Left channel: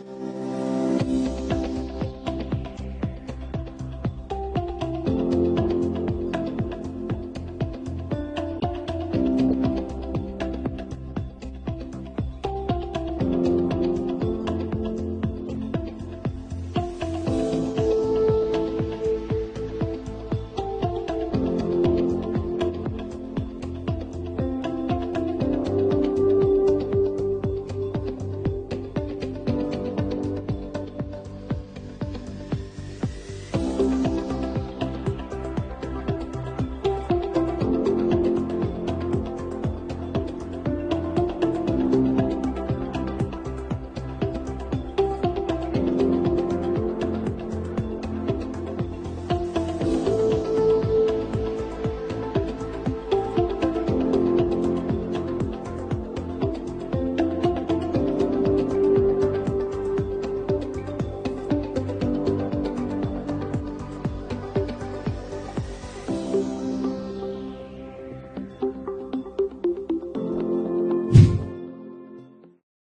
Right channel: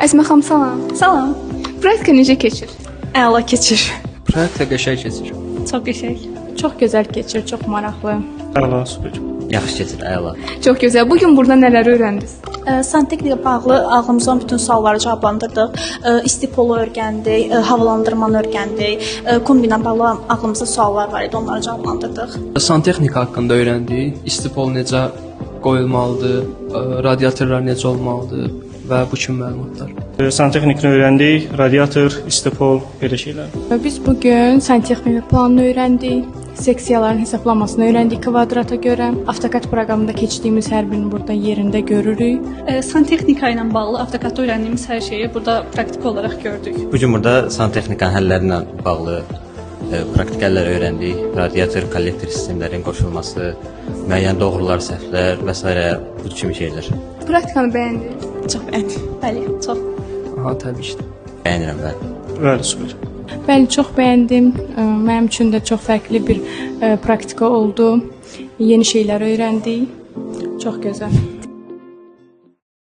Əsmə xanım, salam. Salam. Praktika necə keçir? Əla keçir. Praktika qəşəng keçir. Çox qəşəng. Çox gözəl keçir, çox maraqlı. Əla, super. Yaxşı keçir, əla. Çox gözəl. Bu gün burada nələr öyrəndiniz? Santexniklə bağlı ağlımıza olan bütün sualları cavablandırdıq. İstipolu öyrəndik, havalandırmanı öyrəndik. Kombinə bağlı ağlımızda suallar var idi, onları cavablandırdıq. Santexnika haqqında öyrəndik. İstipol necə qoyulmalıdır, radiatorlar necə olmalıdır və bu kimi məlumatlar. Santexnikini öyrəndik, radiator, istipol, belə şeylər. Biz bu gün santexnika planını öyrəndik. Seksiyaların hesablamasını öyrəndik kvadrata görə. AutoCAD proqramında keçdiyimiz hər birini burada yerində görürük. Santexnika ilə bağlı AutoCAD-da öyrəndiyimiz hər şeyi burada praktik olaraq gördük. Bu gün burada santexnikanın həlləri ilə bağlı praktik həllər öyrəndik. Radiator, kollektor sistemlərin qoşulması, müəyyən doğrular, səhvlər və s. bu kimi şeylər. Praktikanı bəyəndiniz? Çox bəyəndik. Bəli, çox. Aha, təbii ki. Bəyənirəm mən. Bəli, super. Bəli, çox bəyəndim. Mənim üçün də çox fərqli bir praktika oldu. Yeni şeylər öyrəndik. Çox gözəl.